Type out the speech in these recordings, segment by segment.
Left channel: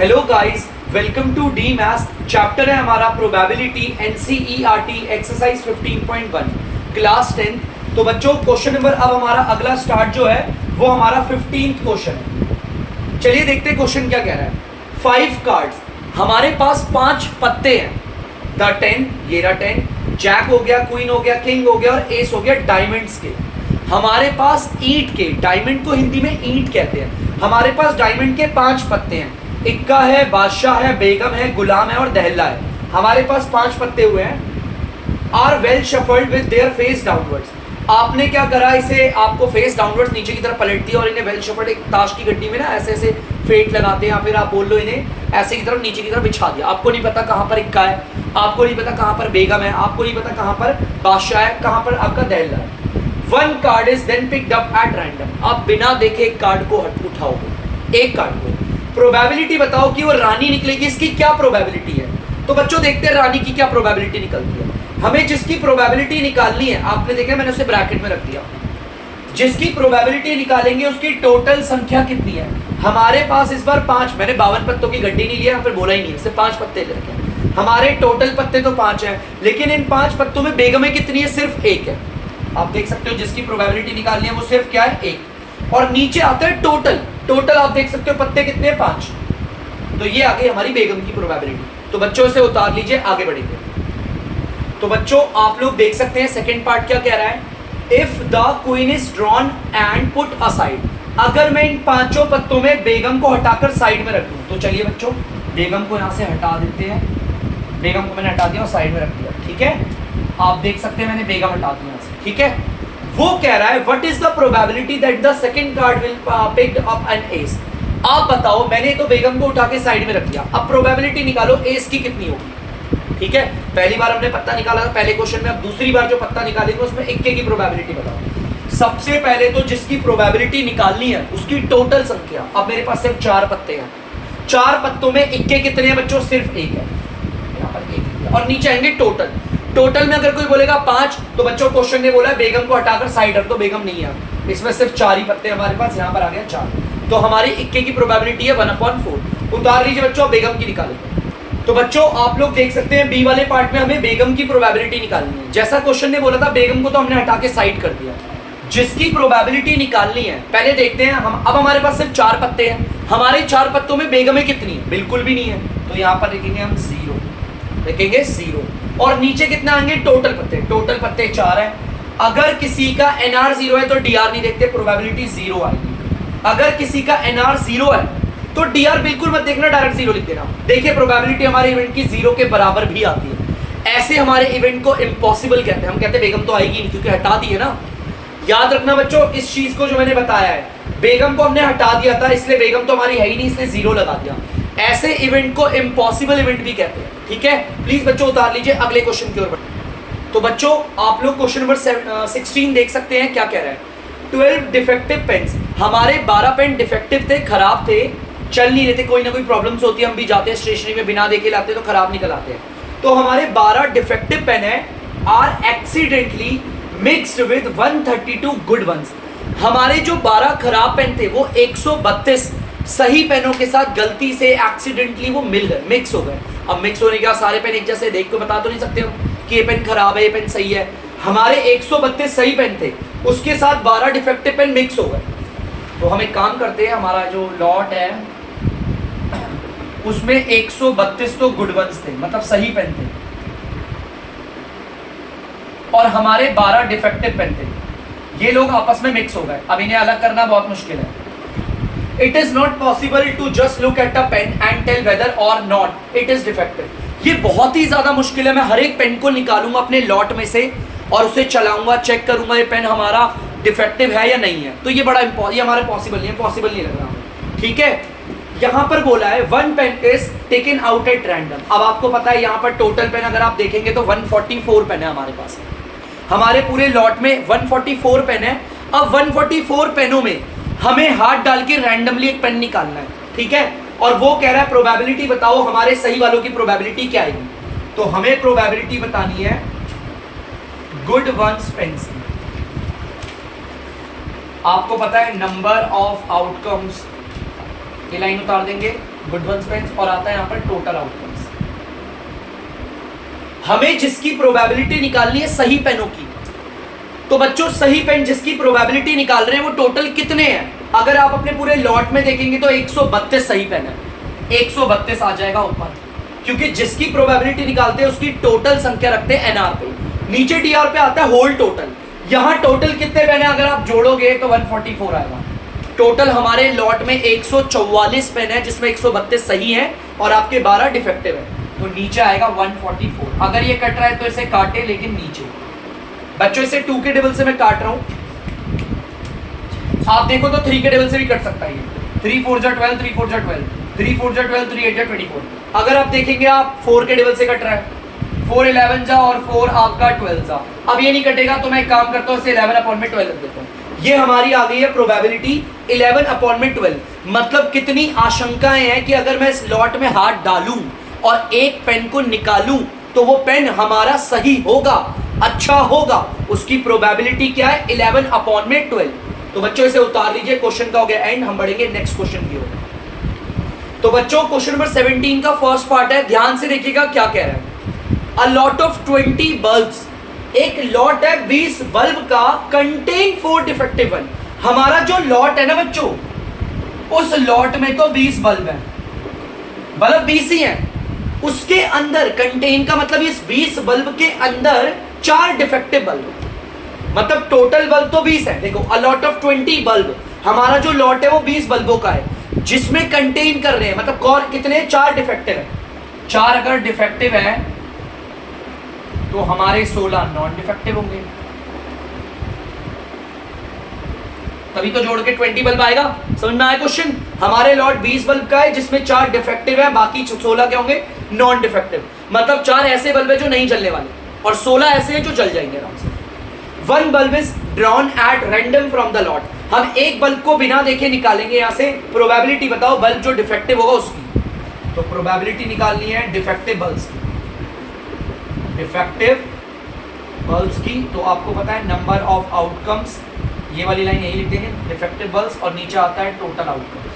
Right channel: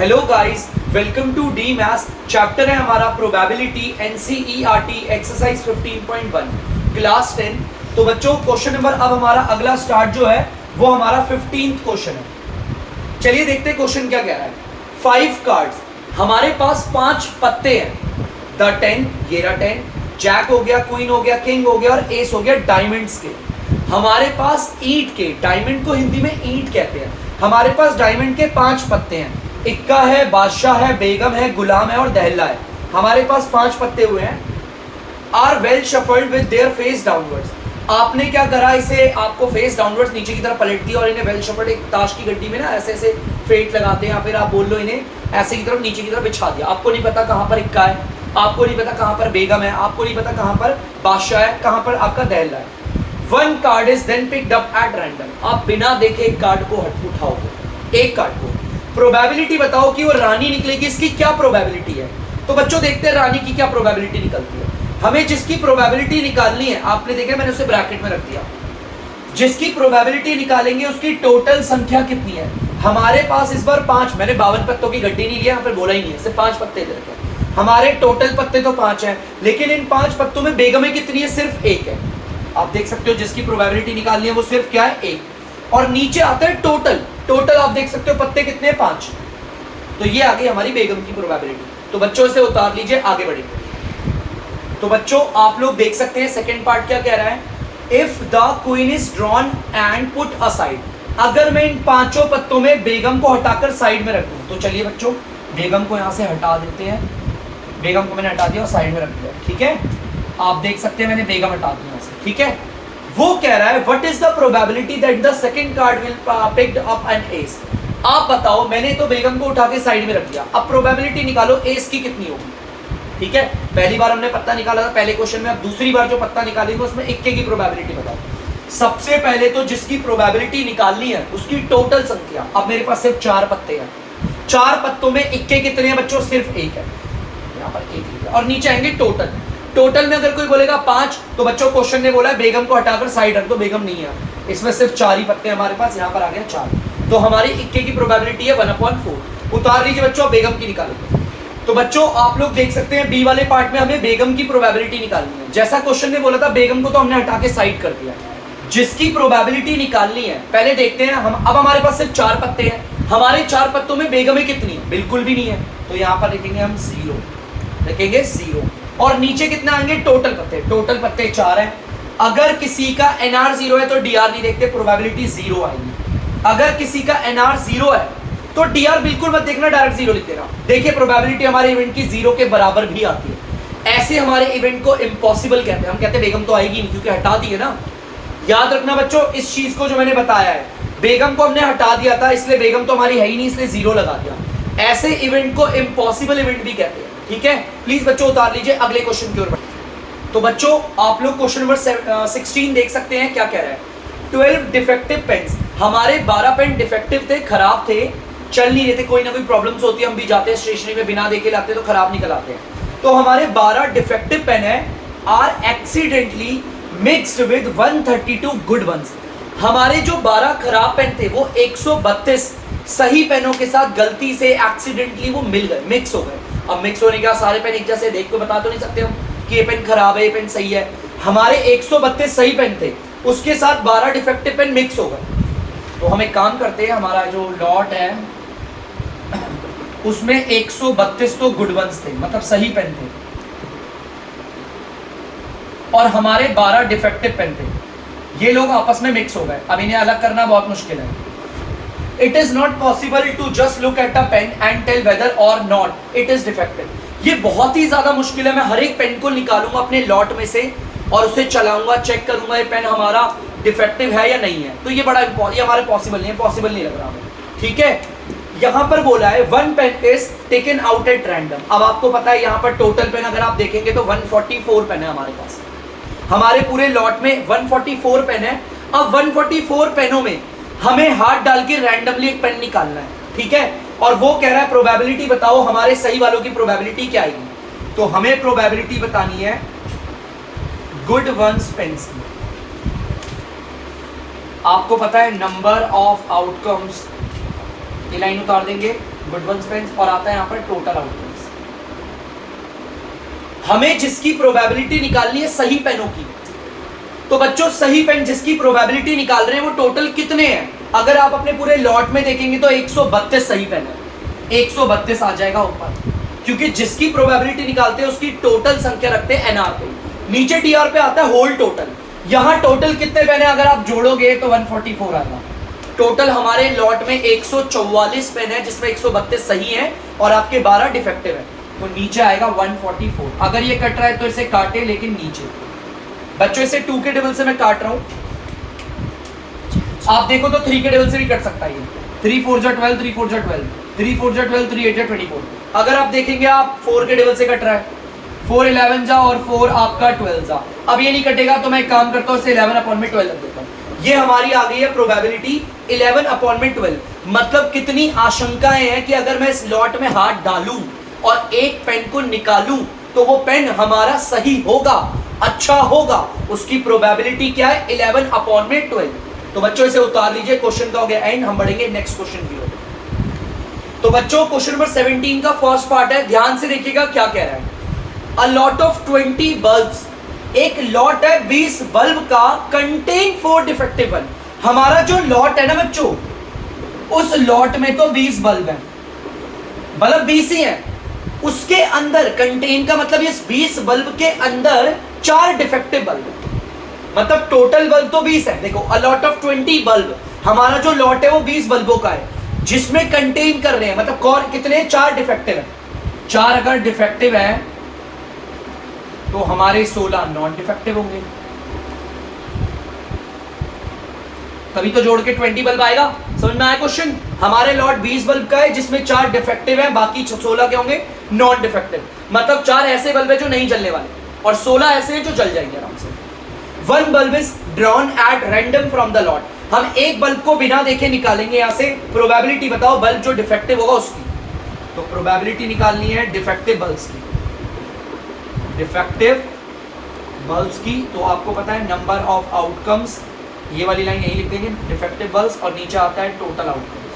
Hello guys, welcome to the maths. Chapter है हमारा probability, NCERT exercise 15.1 class 10। तो बच्चों क्वेश्चन नंबर अब हमारा अगला स्टार्ट जो है वो हमारा 15th क्वेश्चन है। चलिए देखते हैं क्वेश्चन क्या कह रहा है। 5 कार्ड्स, हमारे पास 5 पत्ते हैं। द 10, ये रहा 10, जैक हो गया, क्वीन हो गया, किंग हो गया और एस हो गया डायमंड्स के। हमारे पास ईंट के, डायमंड को हिंदी में ईंट कहते हैं, हमारे पास डायमंड के 5 पत्ते हैं। इक्का है, बादशाह है, बेगम है, गुलाम है और दहला है। हमारे पास 5 पत्ते हुए हैं। Are well shuffled with their face downwards. आपने क्या करा, इसे आपको फेस डाउनवर्ड्स नीचे की तरफ पलट दिया और इन्हें वेल शफल्ड, एक ताश की गड्डी में ना ऐसे ऐसे फेंट लगाते हैं, या फिर आप बोल लो इन्हें ऐसे की तरफ नीचे की तरफ बिछा दिया। आपको नहीं पता कहाँ पर इक्का है, आपको नहीं पता कहाँ पर बेगम है, आपको नहीं पता कहाँ पर बादशाह है, कहाँ पर आपका दहला है। One card is then picked up at random. आप बिना देखे एक कार्ड को उठाओगे, एक कार्ड को। प्रोबेबिलिटी बताओ कि वो रानी निकलेगी, इसकी क्या प्रोबेबिलिटी है। तो बच्चों देखते हैं रानी की क्या प्रोबेबिलिटी निकलती है। हमें जिसकी प्रोबेबिलिटी निकालनी है, आपने देखा मैंने उसे ब्रैकेट में रख दिया। जिसकी प्रोबेबिलिटी निकालेंगे उसकी टोटल संख्या कितनी है। हमारे पास इस बार 5, मैंने 52 पत्तों की गड्डी नहीं लिया, यहाँ पर बोला ही नहीं है, सिर्फ 5 पत्ते ले रखे। हमारे टोटल पत्ते तो 5 हैं, लेकिन इन 5 पत्तों में बेगमें कितनी है, सिर्फ 1 है। आप देख सकते हो जिसकी प्रोबेबिलिटी निकालनी है वो सिर्फ क्या है, 1। और नीचे आता है टोटल। टोटल आप देख सकते हो पत्ते कितने हैं, 5। तो ये आ गई हमारी बेगम की प्रोबेबिलिटी। तो बच्चों से उतार लीजिए, आगे बढ़ेंगे। तो बच्चों आप लोग देख सकते हैं सेकंड पार्ट क्या कह रहा है। If the queen is drawn and put aside. अगर मैं इन 5 पत्तों में बेगम को हटाकर साइड में रख दूं, तो चलिए बच्चों बेगम को यहां से हटा देते हैं। बेगम को मैंने हटा दिया और साइड में रख दिया, ठीक है। आप देख सकते हैं मैंने बेगम हटा दिया, ठीक है। वो कह रहा है what is the probability that the second card will picked up an S. आप बताओ, मैंने तो बेगम को उठा के साइड में रख दिया, अब प्रोबेबिलिटी निकालो एस की कितनी होगी, ठीक है। पहली बार हमने पत्ता निकाला था पहले क्वेश्चन में, अब दूसरी बार जो पत्ता निकालेंगे उसमें इक्के की प्रोबेबिलिटी बताओ। सबसे पहले तो जिसकी प्रोबेबिलिटी निकालनी है उसकी टोटल संख्या। अब मेरे पास सिर्फ 4 पत्ते हैं, 4 पत्तों में इक्के कितने हैं बच्चों, सिर्फ 1 है, यहाँ पर 1 है। और नीचे आएंगे टोटल। टोटल में अगर कोई बोलेगा 5, तो बच्चों क्वेश्चन ने बोला बेगम को हटाकर साइड रख दो, बेगम नहीं है, इसमें सिर्फ 4 ही पत्ते हमारे पास, यहाँ पर आ गया 4। तो हमारी इक्के की प्रोबेबिलिटी है 1/4। उतार लीजिए बच्चों, बेगम की निकालेंगे। तो बच्चों आप लोग देख सकते हैं बी वाले पार्ट में हमें बेगम की प्रोबेबिलिटी निकालनी है। जैसा क्वेश्चन ने बोला था बेगम को तो हमने हटा के साइड कर दिया। जिसकी प्रोबेबिलिटी निकालनी है पहले देखते हैं हम। अब हमारे पास सिर्फ 4 पत्ते हैं, हमारे 4 पत्तों में बेगमें कितनी है, बिल्कुल भी नहीं है। तो यहाँ पर लिखेंगे हम 0, लिखेंगे 0। और नीचे कितना आएंगे, टोटल पत्ते। टोटल पत्ते 4 हैं। अगर किसी का एनआर 0 है तो डीआर नहीं देखते, प्रोबेबिलिटी 0 आएगी। अगर किसी का एनआर 0 है तो डीआर बिल्कुल मत देखना, डायरेक्ट 0 लिख देना। देखिए प्रोबेबिलिटी हमारे इवेंट की 0 के बराबर भी आती है। ऐसे हमारे इवेंट को इम्पॉसिबल कहते हैं। हम कहते हैं बेगम तो आएगी नहीं क्योंकि हटा दी है ना। याद रखना बच्चों इस चीज को जो मैंने बताया है, बेगम को हमने हटा दिया था इसलिए बेगम तो हमारी है ही नहीं, इसलिए 0 लगा दिया। ऐसे इवेंट को इम्पॉसिबल इवेंट भी कहते हैं, ठीक है। प्लीज बच्चों उतार लीजिए, अगले क्वेश्चन की ओर बढ़ते। तो बच्चों आप लोग क्वेश्चन नंबर 16 देख सकते हैं क्या कह रहा है। 12 डिफेक्टिव पेन्स। हमारे 12 पेन डिफेक्टिव थे, खराब थे, चल नहीं रहे थे, कोई ना कोई प्रॉब्लम्स होती है, हम भी जाते हैं स्टेशनरी में बिना देखे लाते तो खराब निकल आते हैं। तो हमारे 12 डिफेक्टिव पेन है, are accidentally mixed with 132 good ones. हमारे जो 12 खराब पेन थे वो 132 सही पेनों के साथ गलती से एक्सीडेंटली वो मिल गए, मिक्स हो गए। अब मिक्स होने के बाद सारे पेन एक जैसे देख के बता तो नहीं सकते हम कि ये पेन खराब है, ये पेन सही है। हमारे 132 सही पेन थे, उसके साथ 12 डिफेक्टिव पेन मिक्स हो गए। तो हम एक काम करते हैं, हमारा जो लॉट है उसमें 132 तो गुड वंस थे, मतलब सही पेन थे, और हमारे 12 डिफेक्टिव पेन थे। ये लोग आपस में मिक्स हो गए। अब इन्हें अलग करना बहुत मुश्किल है। It is not possible to just look at a pen and tell whether or not it is defective. ये बहुत ही ज्यादा मुश्किल है। मैं हर एक पेन को निकालूंगा अपने लॉट में से और उसे चलाऊंगा, चेक करूंगा ये पेन हमारा डिफेक्टिव है या नहीं है। तो ये बड़ा ये हमारे पॉसिबल नहीं है, पॉसिबल नहीं लग रहा हमें, ठीक है। यहाँ पर बोला है 1 pen is taken out at random. अब आपको पता है यहाँ पर टोटल पेन अगर आप देखेंगे तो 144 पेन है हमारे पास। हमारे पूरे लॉट में 144 पेन है। अब 144 पेनों में हमें हाथ डाल के रैंडमली एक पेन निकालना है, ठीक है। और वो कह रहा है प्रोबेबिलिटी बताओ हमारे सही वालों की प्रोबेबिलिटी क्या आएगी। तो हमें प्रोबेबिलिटी बतानी है गुड वंस पेन्स। आपको पता है नंबर ऑफ आउटकम्स, ये लाइन उतार देंगे, गुड पेन्स, और आता है यहाँ पर टोटल आउटकम्स। हमें जिसकी प्रोबेबिलिटी निकालनी है सही पेनों की, तो बच्चों सही पेन जिसकी प्रोबेबिलिटी निकाल रहे हैं वो टोटल कितने हैं? अगर आप अपने पूरे लॉट में देखेंगे तो 132 सही पेन है, 132 आ जाएगा ऊपर, क्योंकि जिसकी प्रोबेबिलिटी निकालते हैं उसकी टोटल संख्या रखते हैं एनआर पे, नीचे डीआर पे आता है होल टोटल। यहाँ टोटल कितने पेन है अगर आप जोड़ोगे तो 144 आएगा। टोटल हमारे लॉट में 144 पेन है जिसमें 132 सही है और आपके 12 डिफेक्टिव है, तो नीचे आएगा 144। अगर ये कट रहा है तो इसे काटे, लेकिन नीचे। बच्चों इसे 2 के टेबल से मैं काट रहा हूं, आप देखो तो 3 के टेबल से भी कट सकता है। 3 4 जा 12, 3 4 जा 12, 3 4 जा 12, 3 8 जा 24। अगर आप देखेंगे आप 4 के टेबल से कट रहा है, 4 11 जा और 4 आपका 12 जा। अब ये नहीं कटेगा तो मैं एक काम करता हूँ, इसे 11/12 रख देता हूँ। ये हमारी आ गई है प्रोबेबिलिटी 11/12। मतलब कितनी आशंकाएं हैं कि अगर मैं इस लॉट में हाथ डालूं और एक पेन को निकालूं तो वो पेन हमारा सही होगा, अच्छा होगा। उसकी प्रोबेबिलिटी क्या है? 11/12। तो बच्चों इसे उतार लीजिए, क्वेश्चन का हो गया एंड। हम बढ़ेंगे नेक्स्ट क्वेश्चन की ओर। तो बच्चों क्वेश्चन नंबर 17 का फर्स्ट पार्ट है, ध्यान से देखिएगा क्या कह रहा है। अ लॉट ऑफ 20 बल्ब्स, एक लॉट है 20 बल्ब का, कंटेन 4 डिफेक्टिव बल्ब। हमारा जो लॉट है ना बच्चों, उस लॉट में तो 20 बल्ब है, बल्ब 20 ही है, उसके अंदर कंटेन का मतलब इस 20 बल्ब के अंदर 4 डिफेक्टिव बल्ब, मतलब टोटल बल्ब तो 20 है। देखो अ लॉट ऑफ 20 बल्ब, हमारा जो लॉट है वो 20 बल्बों का है, जिसमें कंटेन कर रहे हैं मतलब कौन कितने? 4 डिफेक्टिव है। 4 अगर डिफेक्टिव है तो हमारे 16 नॉन डिफेक्टिव होंगे, तभी तो जोड़ के 20 बल्ब आएगा। समझ में आया क्वेश्चन? हमारे लॉट 20 बल्ब का है जिसमें 4 डिफेक्टिव है, बाकी 16 क्या होंगे? Non defective. मतलब 4 ऐसे बल्ब है जो नहीं जलने वाले और 16 ऐसे हैं जो जल जाएंगे आराम से। 1 bulb is drawn at random from the lot. हम एक बल्ब को बिना देखे निकालेंगे यहाँ से। प्रोबेबिलिटी बताओ बल्ब जो डिफेक्टिव होगा उसकी। तो प्रोबेबिलिटी निकालनी है डिफेक्टिव बल्ब्स की, डिफेक्टिव बल्ब्स की। तो आपको पता है नंबर ऑफ आउटकम्स, ये वाली लाइन यही लिख देंगे, डिफेक्टिव बल्ब्स, और नीचे आता है टोटल आउटकम्स,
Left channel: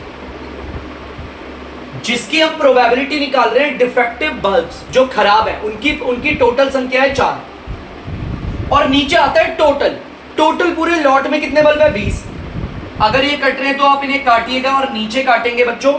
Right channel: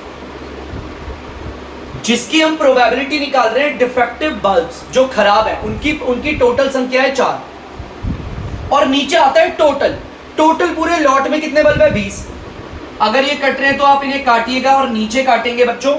जिसकी हम प्रोबेबिलिटी निकाल रहे हैं। डिफेक्टिव बल्ब्स जो खराब है उनकी टोटल संख्या है 4, और नीचे आता है टोटल। टोटल पूरे लॉट में कितने बल्ब है? 20। अगर ये कट रहे हैं तो आप इन्हें काटिएगा और नीचे काटेंगे बच्चों।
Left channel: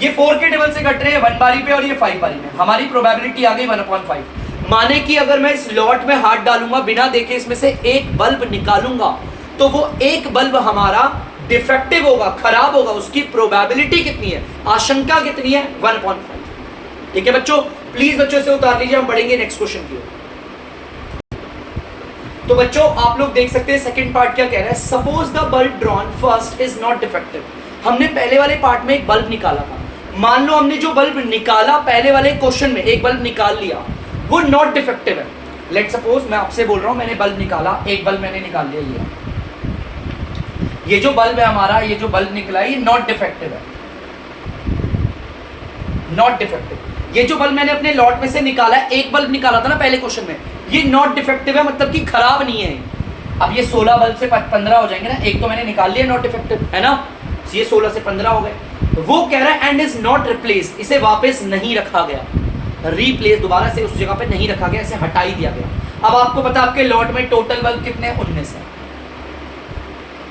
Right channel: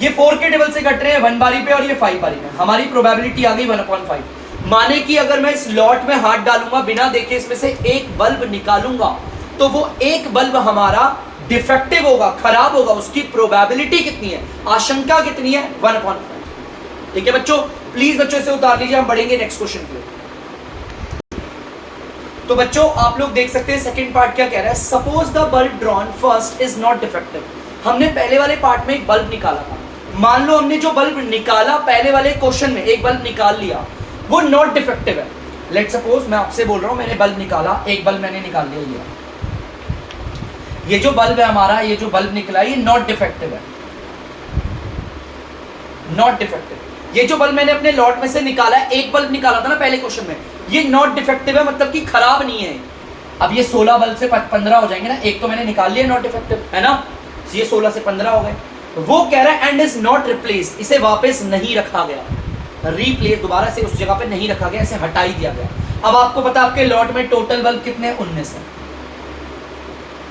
ये 4 के टेबल से कट रहे हैं 1 बारी पे और ये 5 बारी में। हमारी प्रोबेबिलिटी आ गई 1/5। माने कि अगर मैं इस लॉट में हाथ डालूंगा बिना देखे इसमें से एक बल्ब निकालूंगा तो वो एक बल्ब हमारा डिफेक्टिव होगा, खराब होगा। उसकी प्रोबेबिलिटी कितनी है? आशंका कितनी है? 1/5। ठीक है बच्चों, प्लीज बच्चों इसे उतार लीजिए। हम बढ़ेंगे नेक्स्ट क्वेश्चन की ओर। तो बच्चों आप लोग देख सकते हैं सेकंड पार्ट क्या कह रहा है। Suppose the bulb drawn first is not defective. हमने पहले वाले पार्ट में एक बल्ब निकाला था, मान लो हमने जो बल्ब निकाला पहले वाले क्वेश्चन में एक बल्ब निकाल लिया, वो नॉट डिफेक्टिव है। लेट सपोज मैं आपसे बोल रहा हूं मैंने बल्ब निकाला, एक बल्ब मैंने निकाल लिया, ये जो बल्ब है हमारा, ये जो बल्ब निकला ये नॉट डिफेक्टिव है, नॉट डिफेक्टिव। ये जो बल्ब मैंने अपने लॉट में से निकाला है, एक बल्ब निकाला था ना पहले क्वेश्चन में, ये नॉट डिफेक्टिव है, मतलब कि खराब नहीं है। अब ये 16 बल्ब से 15 हो जाएंगे ना, एक तो मैंने निकाल लिया नॉट डिफेक्टिव है ना, ये 16 से 15 हो गए। तो वो कह रहा है एंड इज नॉट रिप्लेस्ड, इसे वापस नहीं रखा गया, रिप्लेस दोबारा से उस जगह पे नहीं रखा गया, इसे हटा ही दिया गया। अब आपको पता आपके लॉट में टोटल बल्ब कितने हैं? 19 है।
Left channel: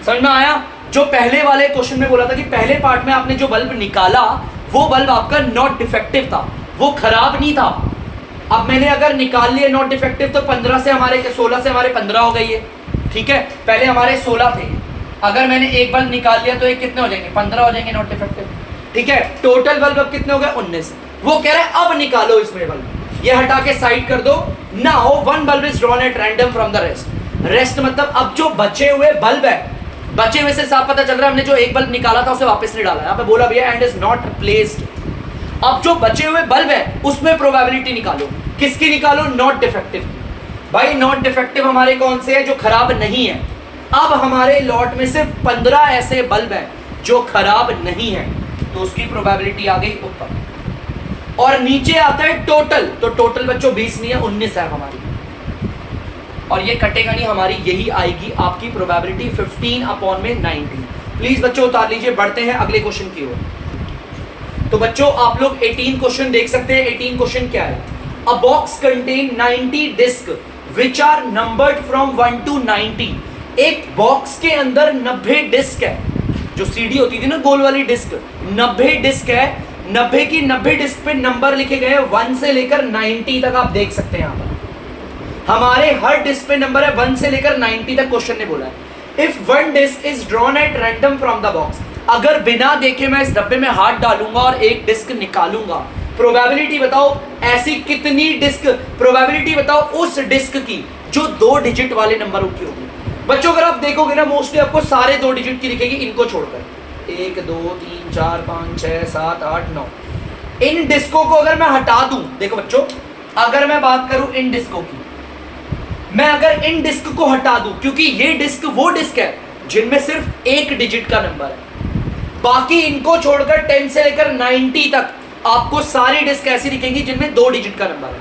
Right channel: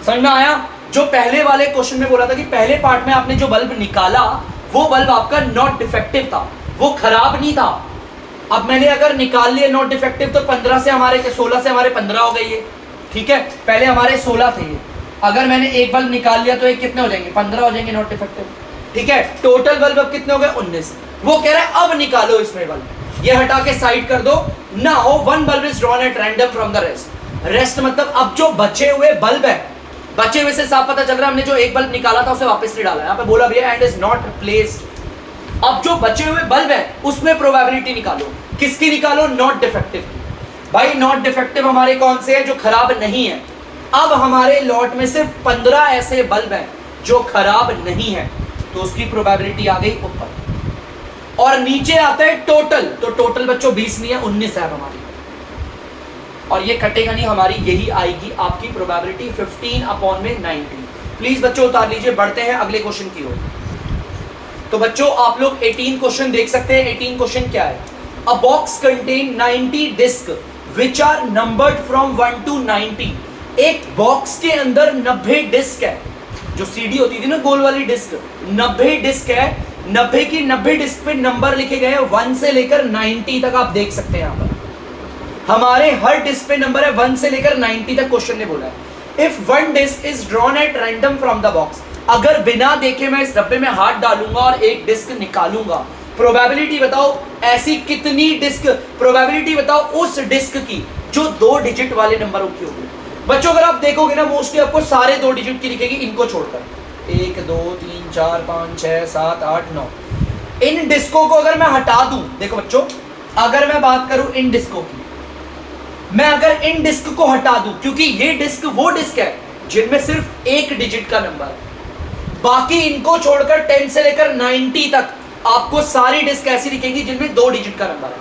समझ में आया? जो पहले वाले क्वेश्चन में बोला था कि पहले पार्ट में आपने जो बल्ब निकाला वो बल्ब आपका नॉट डिफेक्टिव था, वो खराब नहीं था। अब मैंने अगर निकाल लिया नॉट डिफेक्टिव तो 15 से हमारे 16 से हमारे 15 हो गई है, ठीक है। पहले हमारे 16 थे ये, अगर मैंने एक बल्ब निकाल लिया तो ये कितने हो जाएंगे? 15 हो जाएंगे नॉट डिफेक्टिव, ठीक है। टोटल बल्ब अब कितने हो गए? 19। वो कह रहा है अब निकालो इसमें बल्ब, ये हटा के साइड कर दो। Now 1 bulb is drawn at random from the rest. Rest मतलब अब जो बचे हुए बल्ब है, बचे हुए से साफ पता चल रहा है हमने जो एक बल्ब निकाला था उसे वापस नहीं डाला। यहाँ पे बोला भैया एंड इज नॉट रिप्लेस्ड। अब जो बचे हुए बल्ब है उसमें प्रोबेबिलिटी निकालो। किसकी निकालो? Not defective. भाई नॉट डिफेक्टिव हमारे कौन से हैं? जो खराब नहीं है। अब हमारे लॉट में से 15 ऐसे बल्ब हैं जो खराब नहीं है, तो उसकी प्रोबेबिलिटी आ गई ऊपर। और नीचे आता है टोटल, तो टोटल बच्चों 20 नहीं है, 19 है हमारी, और ये कटेगा नहीं, हमारी यही आएगी आपकी प्रोबेबिलिटी 15/90। प्लीज बच्चों उतार लीजिए, बढ़ते हैं अगले क्वेश्चन की ओर। तो बच्चों आप लोग 18 क्वेश्चन देख सकते हैं। 18 क्वेश्चन क्या है? A box contain 90 disc which are numbered from 1 to 90। एक बॉक्स के अंदर 90 डिस्क है, जो सीडी होती थी ना गोल वाली डिस्क, 90 डिस्क है। 90 की 90 डिस्क पे नंबर लिखे गए हैं 1 से लेकर 90 तक, आप देख सकते हैं यहाँ पर हमारे हर डिस्क पे नंबर है 1 से लेकर 90 तक। क्वेश्चन ने बोला if one disc is drawn at random from the box, अगर बिना देखे मैं इस डब्बे में हाथ डालूंगा और एक डिस्क निकालूंगा, प्रोबेबिलिटी बताओ ऐसी कितनी डिस्क, प्रोबेबिलिटी बताओ उस डिस्क की जो 2 डिजिट वाले नंबरों की होगी। बच्चों अगर आप देखोगे ना मोस्टली आपको सारे 2 डिजिट की लिखेगी, इनको छोड़कर 1 2 3 4 5 6 7 8 9। इन डिस्कों को अगर मैं हटा दूं, देखो बच्चों अगर मैं बात करूं इन डिस्कों की, मैं अगर इन डिस्क को हटा दूं, क्योंकि ये डिस्क वो डिस्क है जिनमें सिर्फ 1 डिजिट का नंबर है, बाकी इनको छोड़कर 10 से लेकर 90 तक आपको सारी डिस्क ऐसी दिखेंगी जिनमें 2 डिजिट का नंबर है।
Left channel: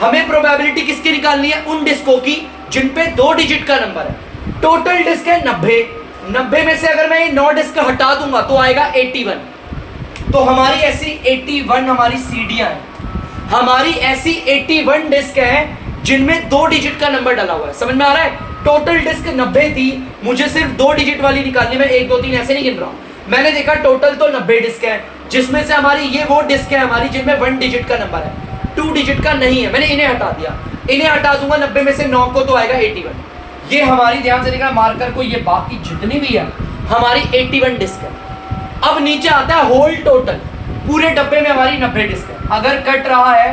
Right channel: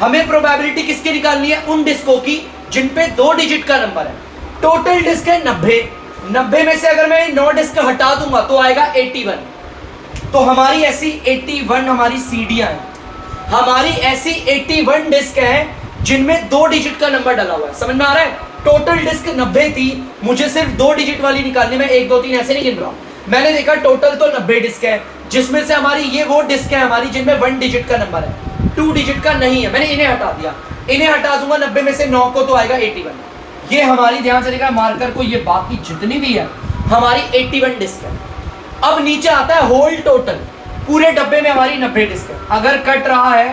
हमें प्रोबेबिलिटी किसकी निकालनी है? उन डिस्कों की जिन पे 2 डिजिट का नंबर है। टोटल डिस्क है 90। 90 में से अगर मैं 9 डिस्क हटा दूंगा तो आएगा 81। तो हमारी ऐसी 81 हमारी सीडियां हैं, हमारी ऐसी 81 डिस्क है जिनमें 2 डिजिट का नंबर डला हुआ है। समझ में आ रहा है? टोटल डिस्क 90 थी, मुझे सिर्फ 2 डिजिट वाली निकालनी, मैं 1 2 3 ऐसे नहीं गिन रहा हूं। मैंने देखा टोटल तो 90 डिस्क है, जिसमें से हमारी ये वो डिस्क है हमारी जिनमें 1 डिजिट का नंबर है, 2 डिजिट का नहीं है। मैंने इन्हें हटा दिया, इन्हें हटा दूंगा 90 में से 9 को तो आएगा 81। ये हमारी, ध्यान से देखा मार्कर को, ये बाकी जितनी भी है हमारी 81 डिस्क है। अब नीचे आता है होल टोटल, पूरे डब्बे में हमारी 90 डिस्क है। अगर कट रहा है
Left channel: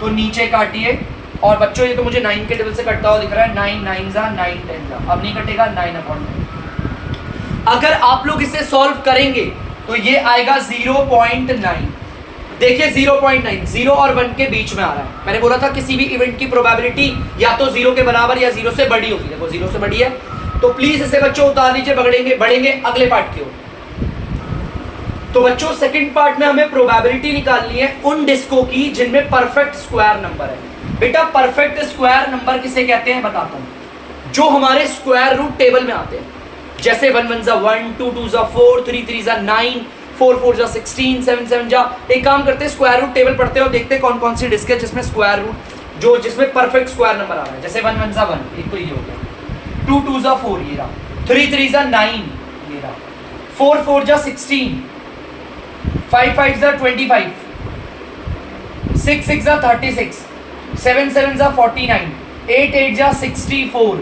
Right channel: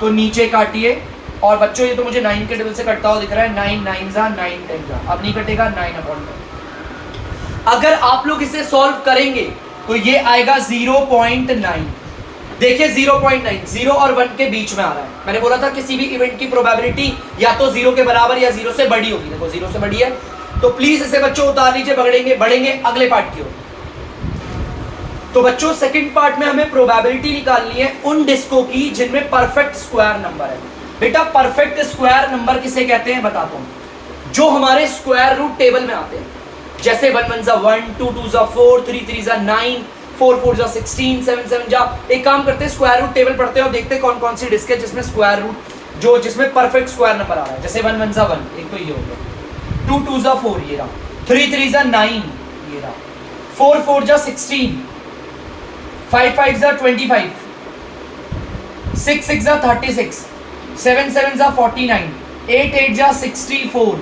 तो नीचे काटिए, और बच्चों ये तो मुझे 9 के टेबल से कटता हुआ दिख रहा है, 9 9 जा 9 10 जा, अब नहीं कटेगा 9/10। अगर आप लोग इसे सॉल्व करेंगे तो ये आएगा 0.9। देखिए 0.9 0 और 1 के बीच में आ रहा है। मैंने बोला था किसी भी इवेंट की प्रोबेबिलिटी या तो 0 के बराबर या 0 से बड़ी होगी। देखो 0 से बड़ी है, तो प्लीज इसे बच्चों उतार लीजिए, बढ़ेंगे अगले पार्ट की ओर। तो बच्चों सेकंड पार्ट में हमें प्रोबेबिलिटी निकालनी है उन डिस्कों की जिनमें परफेक्ट स्क्वायर नंबर है। बेटा परफेक्ट स्क्वायर नंबर किसे कहते हैं बताता हूं, जो हमारे स्क्वायर रूट टेबल में आते हैं, जैसे 1 1 जा 1 2 2 जा 4 3 3 जा 9 4 4 जा 16 7 7 जा। एक काम करते हैं स्क्वायर रूट टेबल पढ़ते हैं और देखते हैं कौन कौन सी डिस्क है जिसमें स्क्वायर रूट, जो जिसमें परफेक्ट स्क्वायर नंबर आ रहा है। जैसे 1 1 जा 1, एक तो ये हो गया, 2 2 जा 4 ये रहा, 3 3 जा 9 ये रहा, 4 4 जा 16, 5 5 जा 25, 6 6 जा 36, 7 7 जा 49, 8 8 जा 64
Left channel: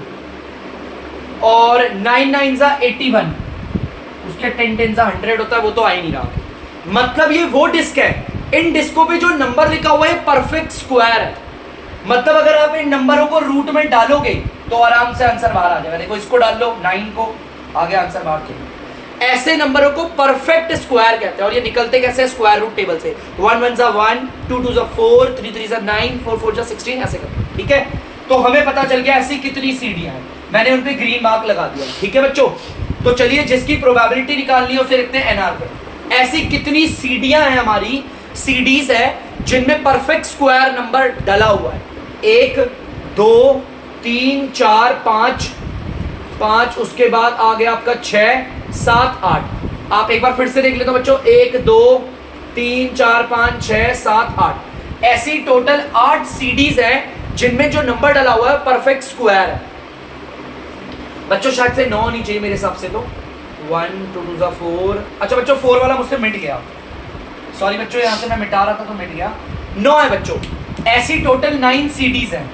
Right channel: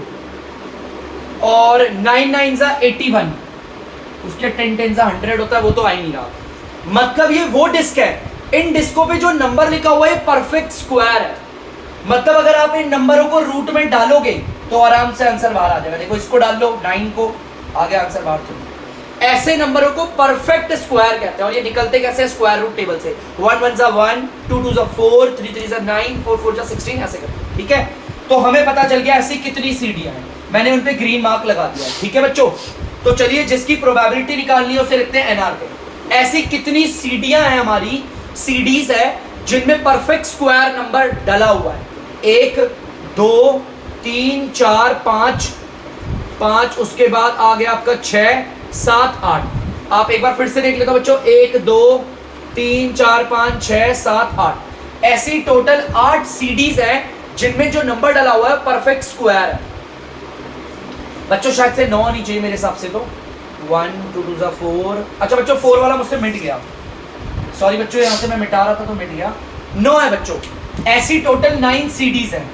और 9 9 जा 81। उसके 10 10 जा 100 होता है, वो तो आ ही नहीं रहा। मतलब ये वो डिस्क है, इन डिस्कों पे जो नंबर लिखा हुआ है परफेक्ट स्क्वायर है। मतलब अगर आप इन नंबरों को रूट में डालोगे तो आराम से आंसर बाहर आ जाएगा। देखो इसको डाल लो 9 को, आगे आंसर बाहर चलो। ऐसे नंबरों को परफेक्ट स्क्वायर कहते हैं। और ये निकलते कैसे? स्क्वायर रूट टेबल से। 1 1 जा 1, 2 2 जा 4, 3 3 जा 9, 4 4 जा 16 ऐसे करते हैं। ठीक है, तो हमें पता चल गया ऐसी कितनी सीढ़ियां हैं, मैंने उन पे ग्रीन मार्क लगा दिया। ठीक है बच्चों, तो चलिए जिसकी प्रोबेबिलिटी निकालनी है उसे लिखते हैं एनआर पे। ऐसी कितनी सीढ़ियां हैं हमारी, सीडीज है जिनमें परफेक्ट स्क्वायर नंबर डला हुआ है। 1 2 3 4 5, उसके बाद आ गया आपका 6 7 8। आप एक बार फिर से देख लेते हो बच्चों, 1 2 3 4 5 6 7 8, ऐसी टोटल 8 सीडीज है जिनमें जो नंबर डला हुआ है परफेक्ट स्क्वायर है। बच्चों शायद से 9 नहीं चाहिए मेरे हिसाब से, तो 1 2 2 4। अच्छा बच्चों 4 वाला मुझसे मिट गया, सॉरी बच्चों, यहां से मैं मिटा रहा था तो मिट गया। 9 है बच्चों, ऐसी टोटल 9 सीडीज हैं।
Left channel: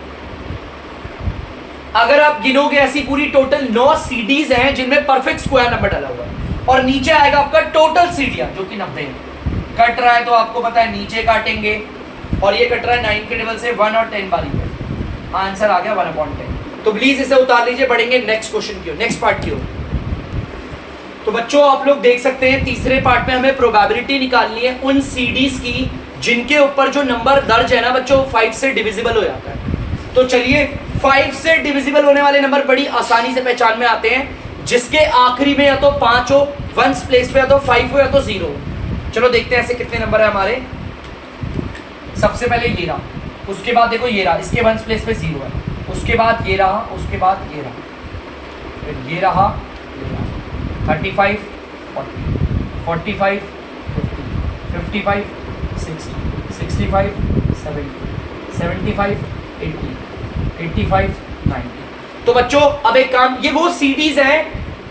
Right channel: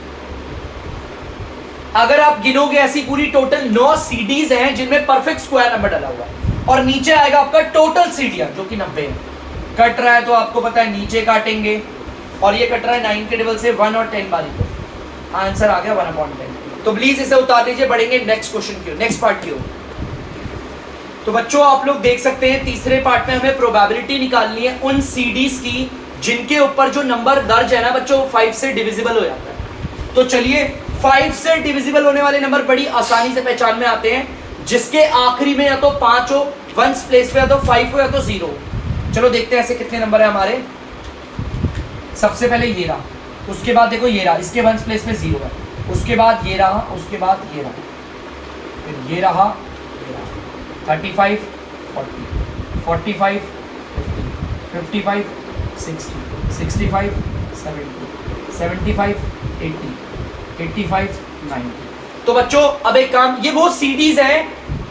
अगर आप गिनोगे ऐसी पूरी टोटल 9 सीडीज हैं जिनमें परफेक्ट स्क्वायर नंबर डाला हुआ है। और नीचे आएगा आपका टोटल सीडियां जो कि 90 है। कट रहा है तो आपको पता है नीचे काटेंगे, और ये कट रहा है 9 के टेबल से 1 और 10 बारी पे, आंसर आ गया 1/10। तो प्लीज इसे उतार लीजिए, बढ़ेंगे नेक्स्ट क्वेश्चन की ओर, नेक्स्ट पार्ट की ओर। तो बच्चों आप लोग देख सकते हैं तीसरे पार्ट में हमें प्रोबेबिलिटी निकालनी है उन सीडीज की जिनके ऊपर जो नंबर दर्ज है ना बच्चों 5 से डिविजिबल हो जाता है। तो चलिए 5 से डिविजिबल होने वाले नंबर बड़ी आसानी से पहचान में आते हैं, जिसके आखिरी में या तो 5 हो, 1 प्लेस पे या तो 5 हो या तो 0 हो। चलो देखते हैं ऐसे कितने नंबर है हमारे। सबसे पहले ये रहा, उसके बाद देखो ये रहा, इसके 1 प्लेस पे 0 है, उसके बाद ये रहा, उसके बाद ये रहा, फिर ये रहा, 35 40 45 50 55 60 65 70 75 80 85 90। तो बच्चों अब एक काम, ये वो सीडीज हैं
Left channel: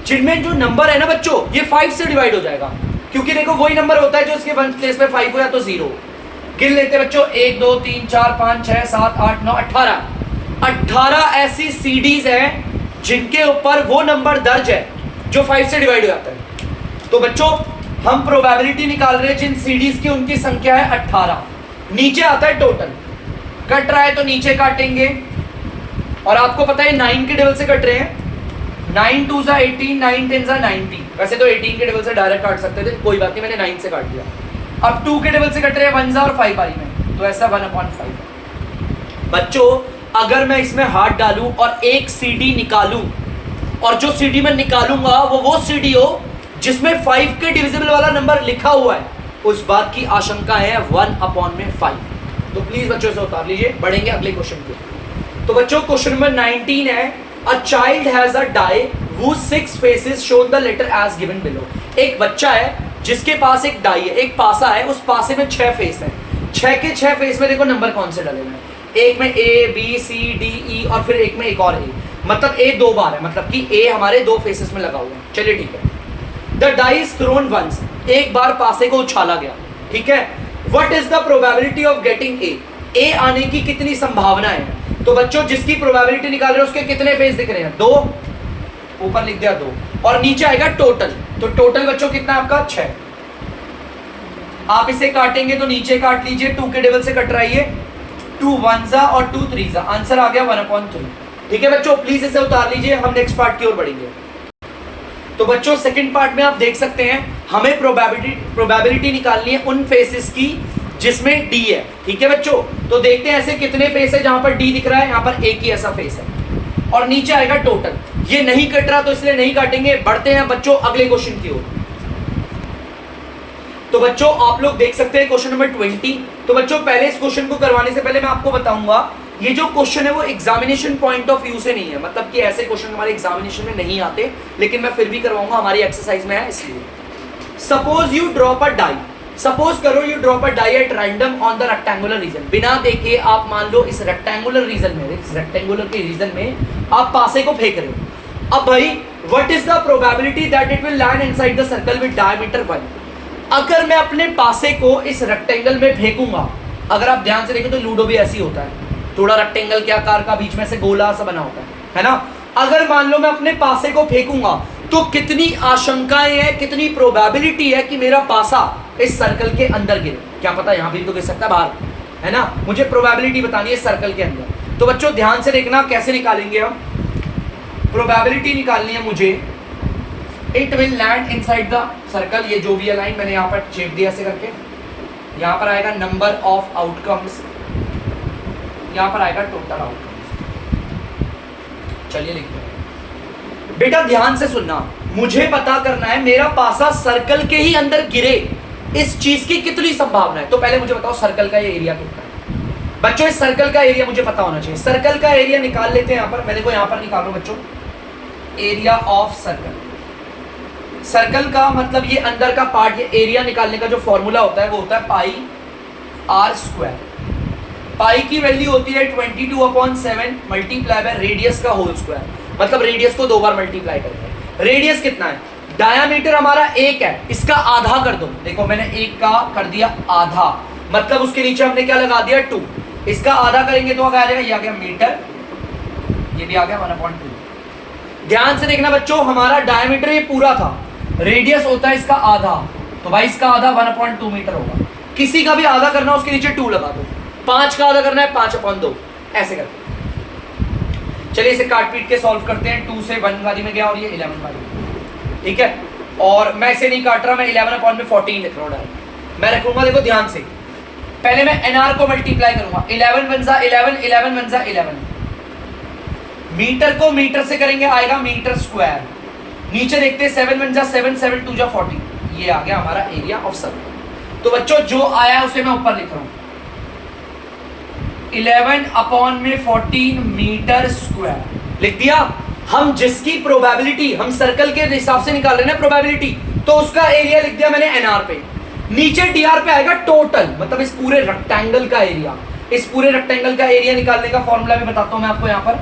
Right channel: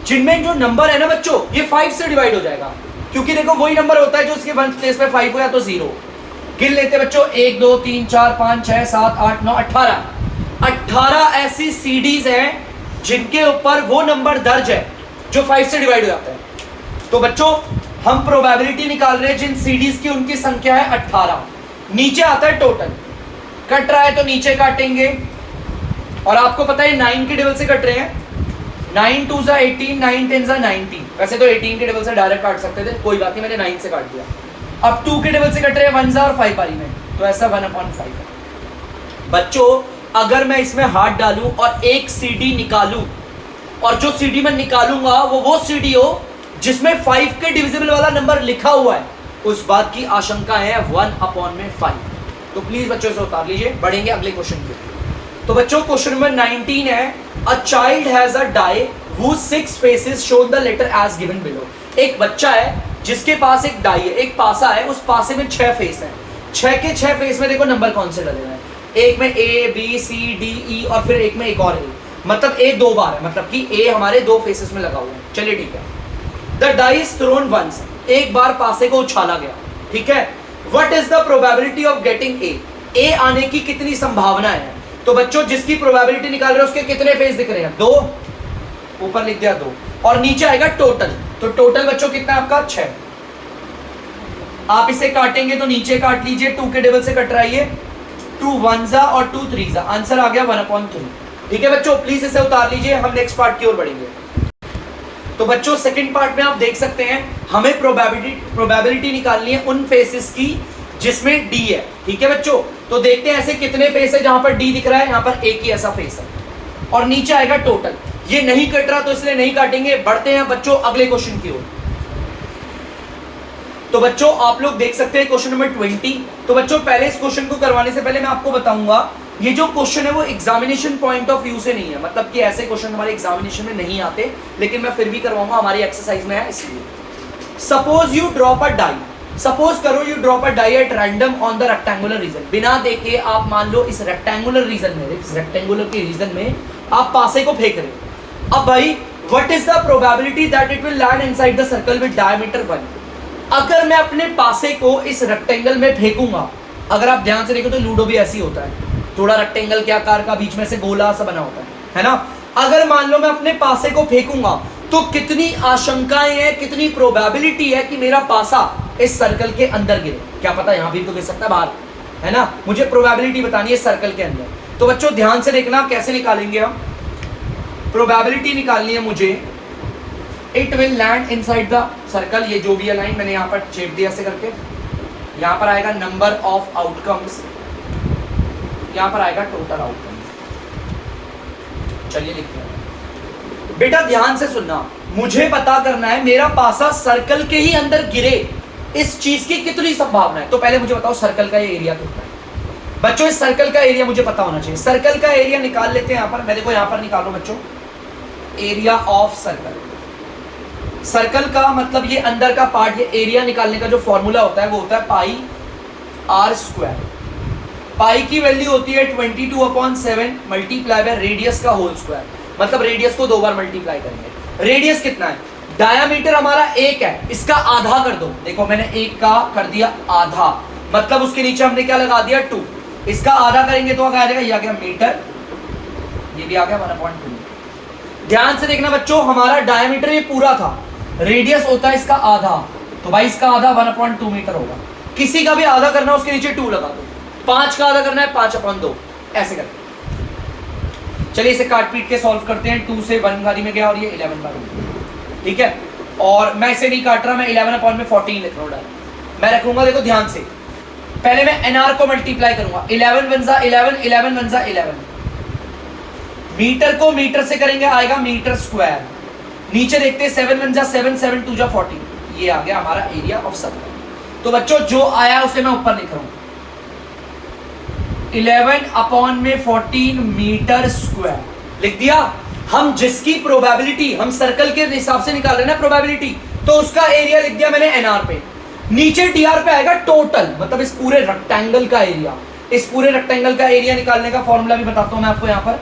जिनमें जो नंबर है ना बच्चों ये 5 से डिवाइड हो जाएगा, क्योंकि देखो वही नंबर होता है जो उसके वन प्लेस पे 5 हो या तो 0। गिन लेते बच्चों 1 2 3 4 5 6 7 8 9 18 ऐसी सीडीज हैं जिनके ऊपर वो नंबर दर्ज है जो 5 से डिवाइड हो जाता है। तो बच्चों हम प्रोबेबिलिटी निकाल रहे हैं जिन सीडीज की, उनकी संख्या है 18। नीचे आता है टोटल, कट रहा है तो नीचे काटेंगे, और आपको पता है 9 के डबल से कट रहे हैं। 9 2 सा 18, 9 10 सा 90। वैसे तो 18 के डबल से डायरेक्ट काट सकते थे, कोई बात नहीं, मैंने 9 से काट दिया। अब 2 के डबल से कट रहे हैं 1 और 5 बारी में, तो ऐसा 1/5। बच्चों अगर मैं इसमें हाथ डालूं और एक सीडी निकालूं, और जो सीडी मैं निकालूंगा वो सीडी हो जिसमें 5 के डिविजिबल वाला नंबर लिखा हुआ है, उस बात की आशंका है 1/5। तो प्लीज बच्चों से उतार लीजिए, बढ़ेंगे अगले क्वेश्चन के। तो बच्चों क्वेश्चन नंबर 19 है, a child has a die whose 6 faces show the letter as given below। एक बच्चा है जिसके पास एक डाई है, एक पासा है, उस पासे में 6 फेस हैं। 6 के 6 फेस में देखो नंबर कौन से डले हैं, एक में A B C D E और फिर एक में एक और A, मतलब A 2 बार है, मतलब कि A हमारे 2 फेसेस में लगा हुआ है। चलिए ठीक है। The die is thrown once, एक बार पासे को उछाला गया, ठीक है। What is the probability of getting A आने की कितनी संभावना है। तो बच्चों जिसकी प्रोबेबिलिटी निकाल रहे हैं उसके कितने फेस दिख रहे हैं, 2, ऊपर लिख दिया 2, और नीचे आएगा टोटल। तो टोटल बच्चों कितना आपका 6। आप इसे काटेंगे तो नीचे काट लीजिए, 2 के डबल से कट रहा है, 2 1 और 2 3, आंसर आ गया 1/3। ठीक है बच्चों, प्लीज इसे उतार लीजिए, हम नेक्स्ट पार्ट की ओर बढ़ेंगे। तो बच्चों सेकंड पार्ट में आप देख सकते हैं हमें प्रोबेबिलिटी निकालनी है उन फेसेस की जिसमें डी है। ठीक है बच्चों, तो देखते हैं ऐसे कितने फेस है जहां पर डी दिख रहा है, यहां पर एक ही ऐसा फेस है, और नीचे आएगा टोटल। ये नहीं कट रहा तो इसलिए नहीं काटेंगे। बढ़ते हैं बच्चों अगले क्वेश्चन की ओर। तो बच्चों आप लोग देख सकते हैं क्वेश्चन नंबर 20। तो बच्चों पहले इस क्वेश्चन को करवाने से पहले मैं आपको बताऊंगा, ये जो क्वेश्चन है वो एग्जामिनेशन पॉइंट ऑफ व्यू से नहीं है, मतलब कि ऐसे क्वेश्चन हमारे एग्जामिनेशन में नहीं आते, लेकिन मैं फिर भी करवाऊंगा, हमारी एक्सरसाइज में है इसलिए। Suppose you drop a die, suppose करो you drop a die at random on the rectangular region. बिना देखे आप मान लो इस रेक्टेंगुलर रीजन में, इस रेक्टेंगुलर के रीजन में आप पासे को फेंक रहे हो। अब भाई what is the probability that it will land inside the circle with diameter 1। अगर मैं अपने पासे को इस रेक्टेंगल में फेंकूंगा, अगर आप ध्यान से देखें तो लूडो भी ऐसी होता है, थोड़ा रेक्टेंगल के आकार का, बीच में से गोला सा बना होता है ना। अगर मान लो मैं अपने पासे को फेंकूंगा तो कितनी आशंकाएं हैं, कितनी प्रोबेबिलिटी है कि मेरा पासा इस सर्कल के अंदर गिरे। क्या पता यहां भी तो गिर सकता है बाहर, है ना। मुझे प्रोबेबिलिटी बतानी है सर्कल के अंदर। तो बच्चों ध्यान से देखना कैसे निकालेंगे हम। प्रोबेबिलिटी निकालनी है मुझे, it will land inside the circle, ये जो भी है लाइन मैंने यहाँ पर शेप दिया ऐसे करके, यहाँ पर आएगा नंबर ऑफ आउटकम्स, यहाँ पर आएगा टोटल आउटकम्स। चलिए लिखते हैं बेटा, ध्यान से सुनना, मुझे पता करना है मेरा पासा सर्कल के ही अंदर गिरे, इस चीज की कितनी संभावना है। तो पहले मुझे बताओ सर्कल का ये एरिया कितना है। बच्चों इस सर्कल का एरिया मुझे पता होना चाहिए। सर्कल का एरिया निकाल लेते हैं यहाँ पर, मैं देखो यहाँ पर निकालो बच्चों, एरिया ऑफ सर्कल। सर्कल का मतलब ये अंदर का पार्ट, ये एरिया निकालने का जो फॉर्मूला होता है वो होता है पाई आर स्क्वायर। पाई की वैल्यू होती है 22/7 मल्टीप्लाई बाय रेडियस का होल स्क्वायर, मतलब रेडियस को 2 बार मल्टीप्लाई करेंगे। रेडियस कितना है, डायामीटर हमारा 1 है, इसका आधा कर दो। देखो मैंने 1 का कर दिया आधा, मतलब उसके नीचे हमने क्या लगा दिया 2, इसका आधा करेंगे तो क्या आ जाएगा, ये आ गया मीटर, ये भी आ गया 1/2। ध्यान से देखना बच्चों, हमारा डायामीटर ये पूरा था, रेडियस होता है इसका आधा, तो भाई इसका आधा 1/2 मीटर होगा। किसी का भी आधा करना उसके नीचे 2 लगा दो, 5 का आधा करना है 5/2, ऐसे करते। चलिए इसे काट पीट के सॉल्व करते हैं। 2 से 1 बारी में गया और ये 11 बारी में, ठीक है। और मैं इसे नहीं काट रहा, मैं 11/14 लिख रहा हूँ, मैं रखूंगा। देखो ध्यान से, पहले मैं एनआर को मल्टीप्लाई करूंगा, 11 1 11, 11 1 11। मीटर को मीटर से करेंगे, आएगा मीटर स्क्वायर। नीचे देखते हैं 7 1 7, 7 2 40, ये आ गया हमारा एरिया ऑफ सर्कल। तो बच्चों जो आया उसे मैं ऊपर लिख रहा हूं, 11/14 मीटर स्क्वायर लिख दिया। हम जिसकी प्रोबेबिलिटी हम सर्कल के हिसाब से निकाल रहे हैं ना प्रोबेबिलिटी, तो उसका एरिया लिख दिया मैंने एनआर पे। नीचे डीआर पे आएगा टोटल, मतलब इस पूरे रेक्टेंगल का एरिया। इस पूरे रेक्टेंगल का एरिया निकालने का फॉर्मूला भी बताता हूं मैं आपको। यहां पर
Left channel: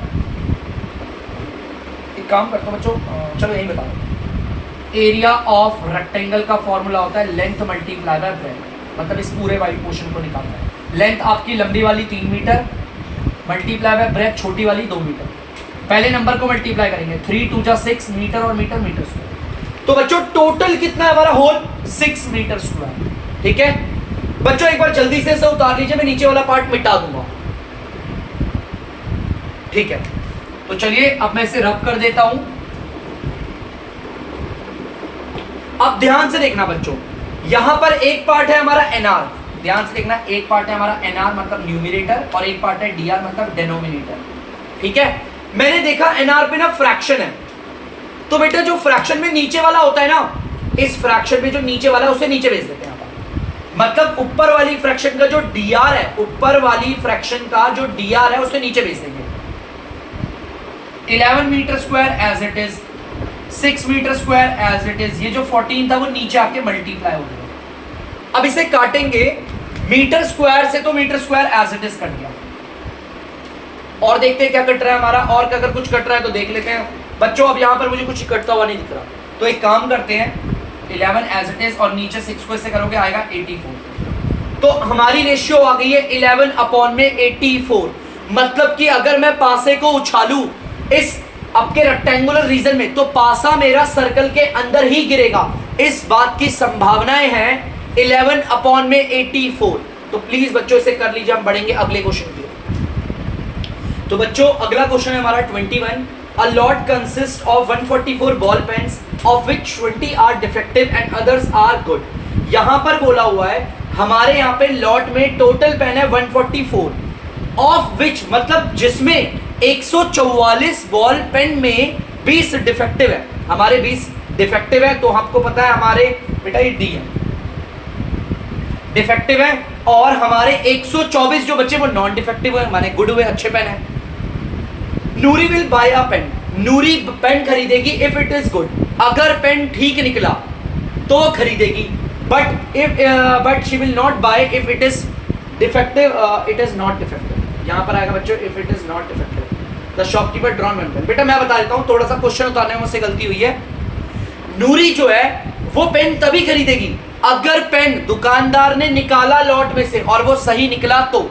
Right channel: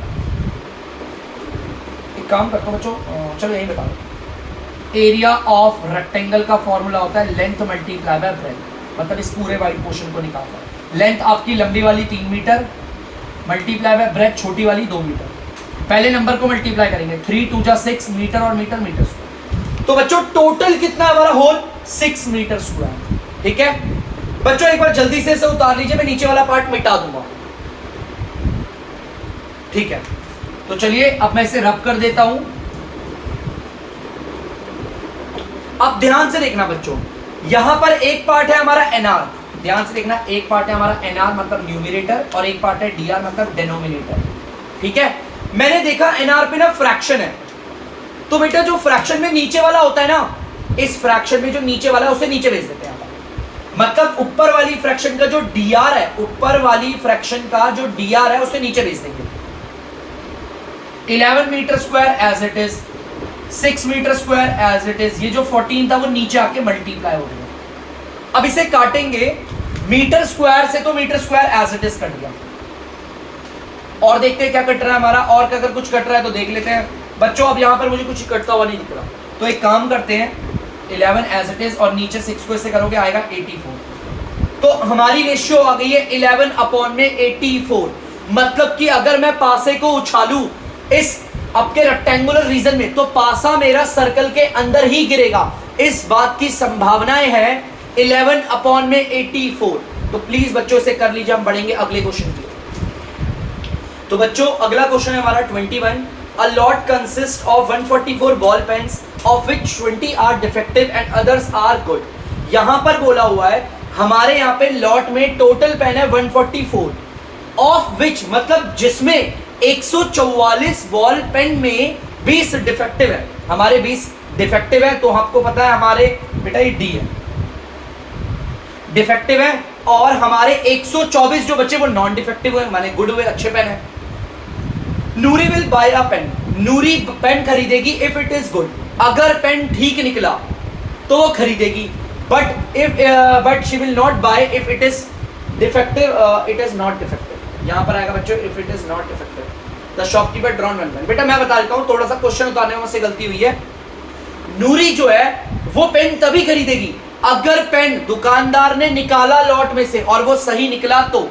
एक काम करता हूं बच्चों, चलो यही बता दो। एरिया ऑफ रेक्टेंगल का फॉर्मूला होता है लेंथ मल्टीप्लाई बाय ब्रेथ, मतलब इस पूरे वाइड पोर्शन को निकालना है। लेंथ आपकी लंबी वाली 3 मीटर मल्टीप्लाई बाय ब्रेथ छोटी वाली 2 मीटर। पहले नंबर को मल्टीप्लाई करेंगे, 3 2 जा 6 मीटर और मीटर मीटर स्क्वायर। तो बच्चों टोटल कितना है हमारा होल 6 मीटर स्क्वायर। ठीक है बच्चों, एक बार जल्दी से इसे उतार लीजिए, मैं नीचे वाला पार्ट मिटा दूंगा। ठीक है, तो चलिए अब मैं इसे रब कर देता हूं। अब ध्यान से देखना बच्चों, यहां पर एक पार्ट है हमारा एनआर, ध्यान से देखना, एक पार्ट है हमारा एनआर मतलब न्यूमरेटर और एक पार्ट है डीआर मतलब डिनोमिनेटर। ठीक है, मैंने देखा एनआर पे ना फ्रैक्शन है, तो बेटा जो फ्रैक्शन में नीचे वाला होता है ना, इस फ्रैक्शन में जो नीचे वाला है उसे नीचे भेज देते हैं। मतलब ऊपर वाली फ्रैक्शन का जो डीआर है, ऊपर वाली फ्रैक्शन का जो डीआर है उसे नीचे भेज देंगे। 11 metre square as it is, 6 metre square as it is, ये जो 14 था वो नीचे आके मल्टीप्लाई हो गया। अब इसे काटेंगे मीटर स्क्वायर से, तो metre square as it is cut गया। और देखते हैं क्या कट रहा है हमारा, और अगर कुछ कट रहा है तो देख लेते हैं बच्चों। अब यहां पर मुझे कुछ कटता हुआ नहीं दिख रहा, तो एक काम करते हैं, 11 एज इट इज और नीचे 6 को इससे करोगे आएगा 84। तो हमारी रेशियो आ गई है 11 अपॉन में 84। मतलब कि अगर मैं पासे को उछालूं इस आपके रेक्टेंगुलर रीजन में, तो पासा मेरा सर्कल के अंदर ही गिरेगा। इस बात की संभावनाएं हैं 11 अपॉन में 84। तो प्लीज बच्चों से कर लीजिए, हम बढ़ेंगे अगले क्वेश्चन की। तो बच्चों अगला क्वेश्चन है हमारा 21। A lot consists of 144 ball pens, of which 20 are defective and others are good. यहाँ पर बोला हुआ है हमारे यहाँ पे लॉट में टोटल पेन है 144, of which मतलब जिसमें 144 बॉल पेन में 20 डिफेक्टिव है। हमारे 20 डिफेक्टिव है, तो आपको पता है हमारे बेटा ये डी है, डिफेक्टिव है, और हमारे 124 जो बच्चे वो नॉन डिफेक्टिव है, माने गुड हुए, अच्छे पेन है। Noori will buy a pen, Noori pen खरीदेगी इफ इट इज गुड, अगर पेन ठीक निकला तो वो खरीदेगी। But she will not buy if it is defective, it is not defective. यहां पर आएगा बच्चों if it is not defective the shopkeeper drawn one pen. बेटा मैं बता देता हूं, थोड़ा सा क्वेश्चन उतारने में मुझसे गलती हुई है। नूरी जो है वो पेन तभी खरीदेगी अगर पेन दुकानदार ने निकाला लॉट में से और वो सही निकला तो।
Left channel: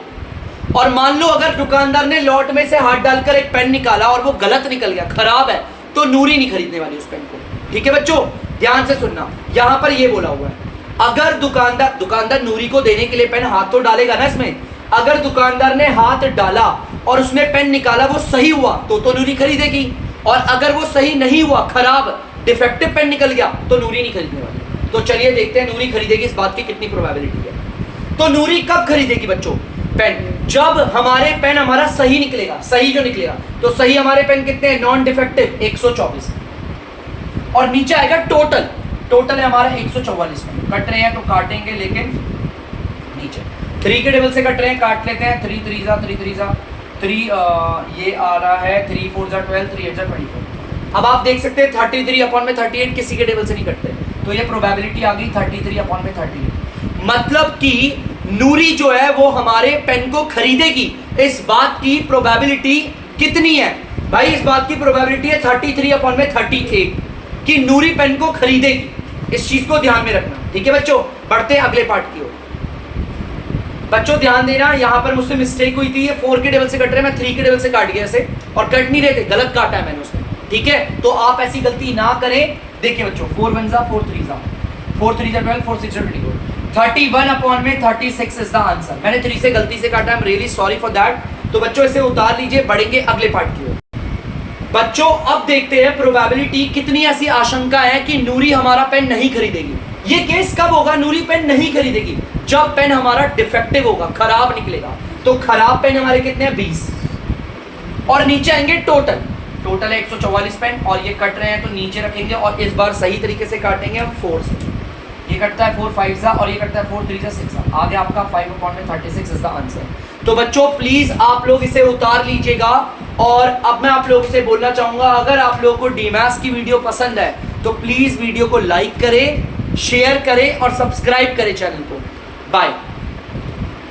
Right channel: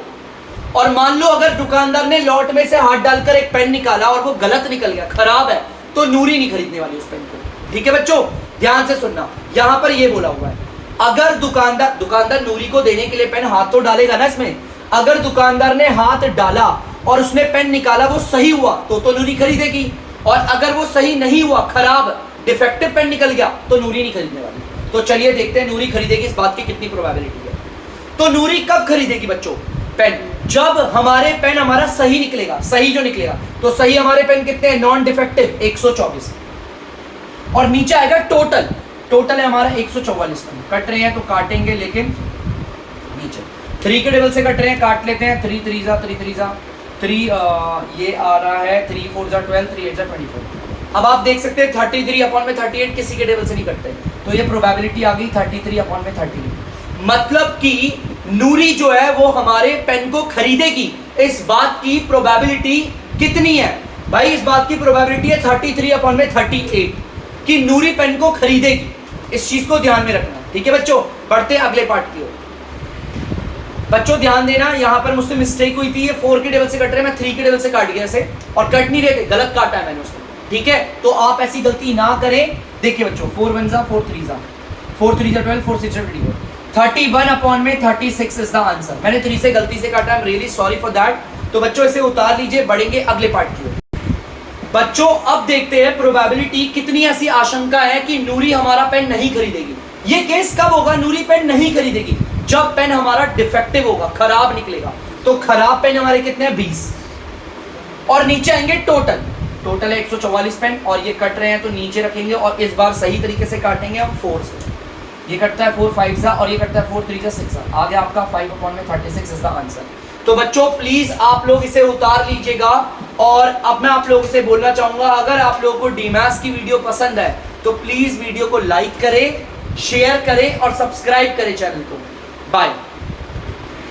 और मान लो अगर दुकानदार ने लॉट में से हाथ डालकर एक पेन निकाला और वो गलत निकल गया, खराब है, तो नूरी नहीं खरीदने वाली उस पेन को। ठीक है बच्चों, ध्यान से सुनना, यहां पर ये बोला हुआ है अगर दुकानदार नूरी को देने के लिए पेन हाथ तो डालेगा ना इसमें, अगर दुकानदार ने हाथ डाला और उसने पेन निकाला वो सही हुआ तो नूरी खरीदेगी, और अगर वो सही नहीं हुआ, खराब डिफेक्टिव पेन निकल गया, तो नूरी नहीं खरीदने वाली। तो चलिए देखते हैं नूरी खरीदेगी, इस बात की कितनी प्रोबेबिलिटी है। तो नूरी कब खरीदेगी बच्चों पेन, जब हमारे पेन हमारा सही निकलेगा, सही जो निकलेगा। तो सही हमारे पेन कितने हैं, नॉन डिफेक्टिव 124, और नीचे आएगा टोटल, टोटल है हमारा 144 पेन। कट रहे हैं तो काटेंगे, लेकिन नीचे 3 के टेबल से कट रहे हैं, काट लेते हैं। 3 3 जा 3 3 जा 3, ये आ रहा है 3 4 जा 12, 3 8 जा 24। अब आप देख सकते हैं 33 अपॉन में 38 किसी के टेबल से नहीं कटते, तो ये प्रोबेबिलिटी आ गई 33 अपॉन में 38। मतलब कि नूरी जो है वो हमारे पेन को खरीदेगी। इस बात की प्रोबेबिलिटी कितनी है भाई, इस बात की प्रोबेबिलिटी है 33 अपॉन में 38 कि नूरी पेन को खरीदेगी। इस चीज को ध्यान में रखना, ठीक है बच्चों। बढ़ते हैं अगले पार्ट की ओर। बच्चों ध्यान देना, यहां पर मुझसे मिस्टेक हुई थी, ये 4 के टेबल से कट रहे हैं, मैं 3 के टेबल से काट गया इसे, और कट नहीं रहे थे, गलत काटा है मैंने उसमें। ठीक है, तो आप ऐसी गलती ना करें। देखिए बच्चों 4 1 जा 4 3 जा 4 3 जा 12, 4 6 जा 24, 31 अपॉन में 36 इज द आंसर। मैंने 3 से गलती से काटा, I am really sorry for that. तो बच्चों इसे उतार लीजिए, बढ़ेंगे अगले पार्ट की ओर। बच्चों अब देखते हैं प्रोबेबिलिटी कितनी ऐसी आशंका है कि नूरी हमारा पेन नहीं खरीदेगी। ये केस कब होगा नूरी पेन नहीं खरीदेगी, जब पेन हमारा डिफेक्टिव होगा, खराब निकलेगा। तो खराब पेन हमारे कितने हैं 20, और नीचे आएंगे टोटल, टोटल है 144 पेन, और ये कट रहे हैं तो नीचे रखेंगे, और इस बार सही तरीके से काटेंगे अब 4 से। ये कटता है 4 5 सा, और ये कटता है 4 3 जा 6 सा। आगे आपका 5 अपॉन में 36 इज द आंसर। तो बच्चों प्लीज आप लोग इसे उतार लीजिएगा। और अब मैं आप लोगों से बोलना चाहूंगा, अगर आप लोगों को डीमैथ्स की वीडियो पसंद है तो प्लीज वीडियो को लाइक करें, शेयर करें और सब्सक्राइब करें चैनल को। बाय।